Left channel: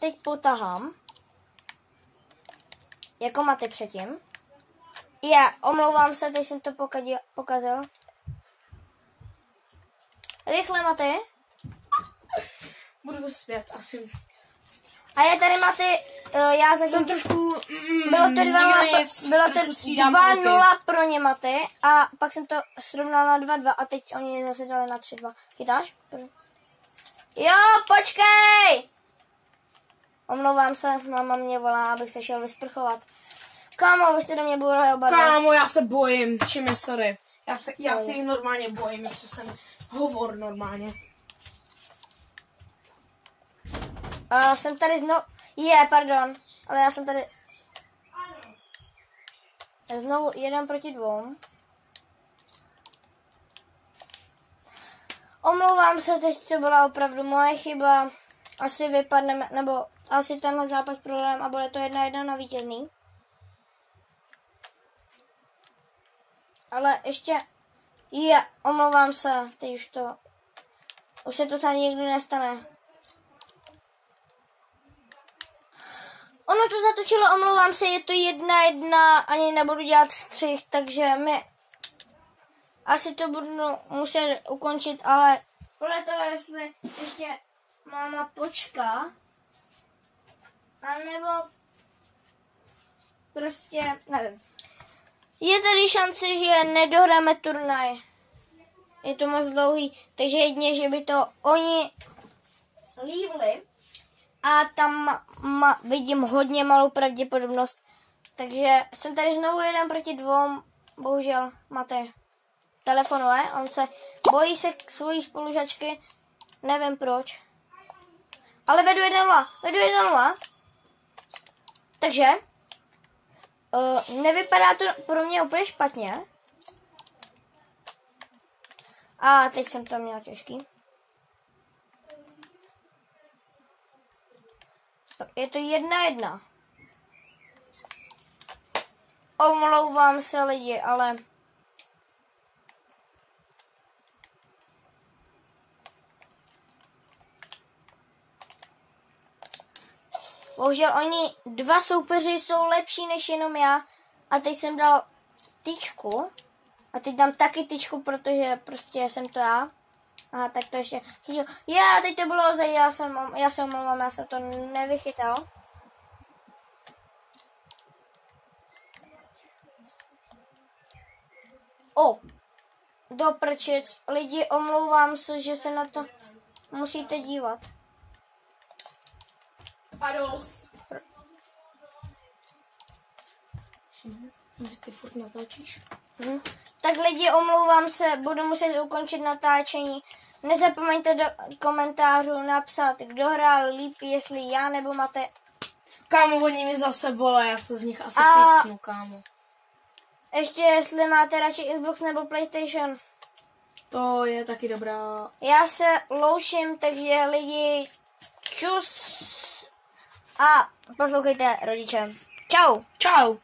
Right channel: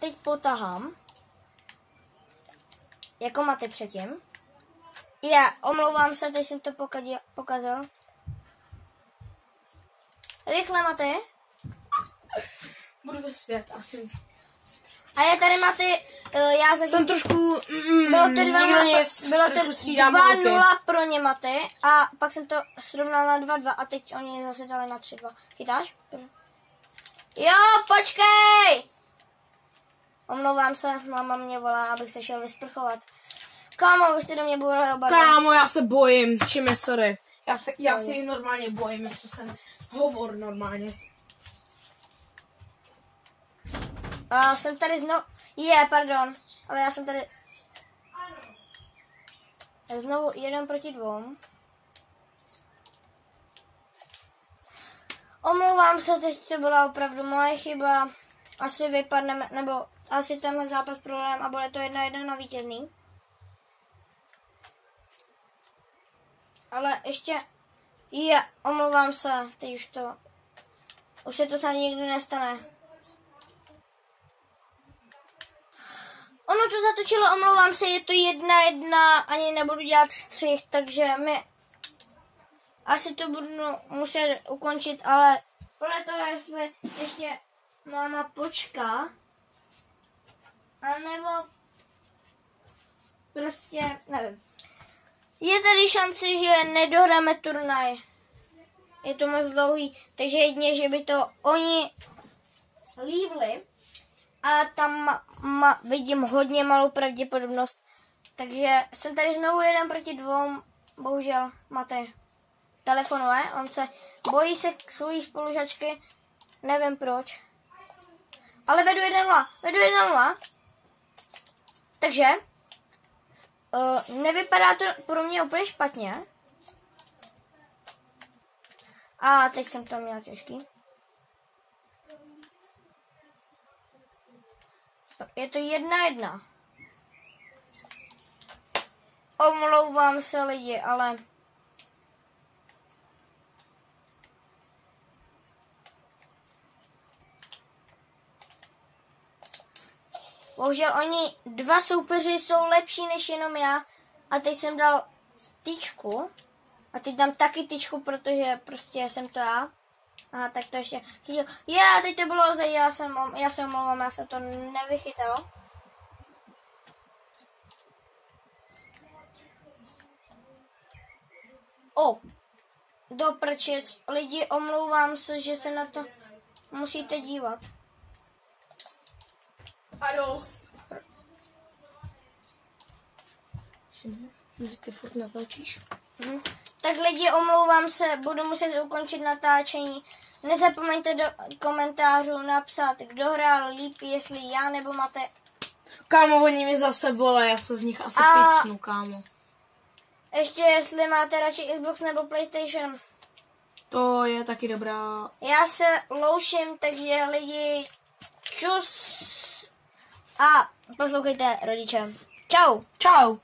teď potahám. Jako Maty předtím. Omlouvám se, teď jsem to pokazil. Rychle, Maty. Budu zpět, asi. A je tady Maty, já zase... Jsem trošku... Bylo to 2-0 pro ně, Maty. A pak jsem to srovnal na 2-2 a teď oni zase dali na 3-2. Chytáš? Jo, počkej! Omlouvám se, máma mě volá, abych se šel vysprchovat. Kámo, vy jste do mě bourali oba. Kámo, já se bojím, čím sorry. Já si normálně bojím, jak se ten hovor normálně. Jsem tady znovu... pardon. Ale já jsem tady... Znovu 1-2. Omlouvám se, teď to byla opravdu moje chyba. Asi vypadneme, nebo asi tenhle zápas prohrajeme a bude to 1-1 na vítězný. Ale ještě... omlouvám se, teď už se to snad nikdy nestane. Ono to zatočilo, omlouvám se, je to 1-1, ani nebudu dělat střih, takže asi to budu muset ukončit, ale podle toho, jestli ještě máma počká, anebo prostě, nevím. Je tady šance, že nedohráme turnaj. Je to moc dlouhý, takže jedině, že by to oni lívli. A tam vidím hodně malou pravděpodobnost. Takže jsem tady znovu 1-2. Bohužel Matej telefonuje. On se bojí se svojí spolužačky. Nevím proč. Ale vedu 1-0. Takže nevypadá to pro mě úplně špatně. A teď jsem to měla těžký. Je to 1-1. Omlouvám se lidi, ale... Bohužel oni dva soupeři jsou lepší než jenom já. A teď jsem dal tyčku. A teď dám taky tyčku, protože prostě jsem to já. Aha, tak to ještě chytil. Teď to bylo já se omlouvám, já jsem to nevychytal. Do prčic. Lidi, omlouvám se, že se na to musíte dívat. A dost. Ty furt natáčíš? Tak lidi, omlouvám se, budu muset ukončit natáčení. Nezapomeňte do komentářů napsat, kdo hrál líp, jestli já nebo Matej. Kámo, oni mi zase volají, já se z nich asi pícnu, kámo. Ještě jestli máte radši Xbox nebo PlayStation. To je taky dobrá. Já se loučím, takže lidi, čus. A poslouchejte rodiče. Čau. Čau.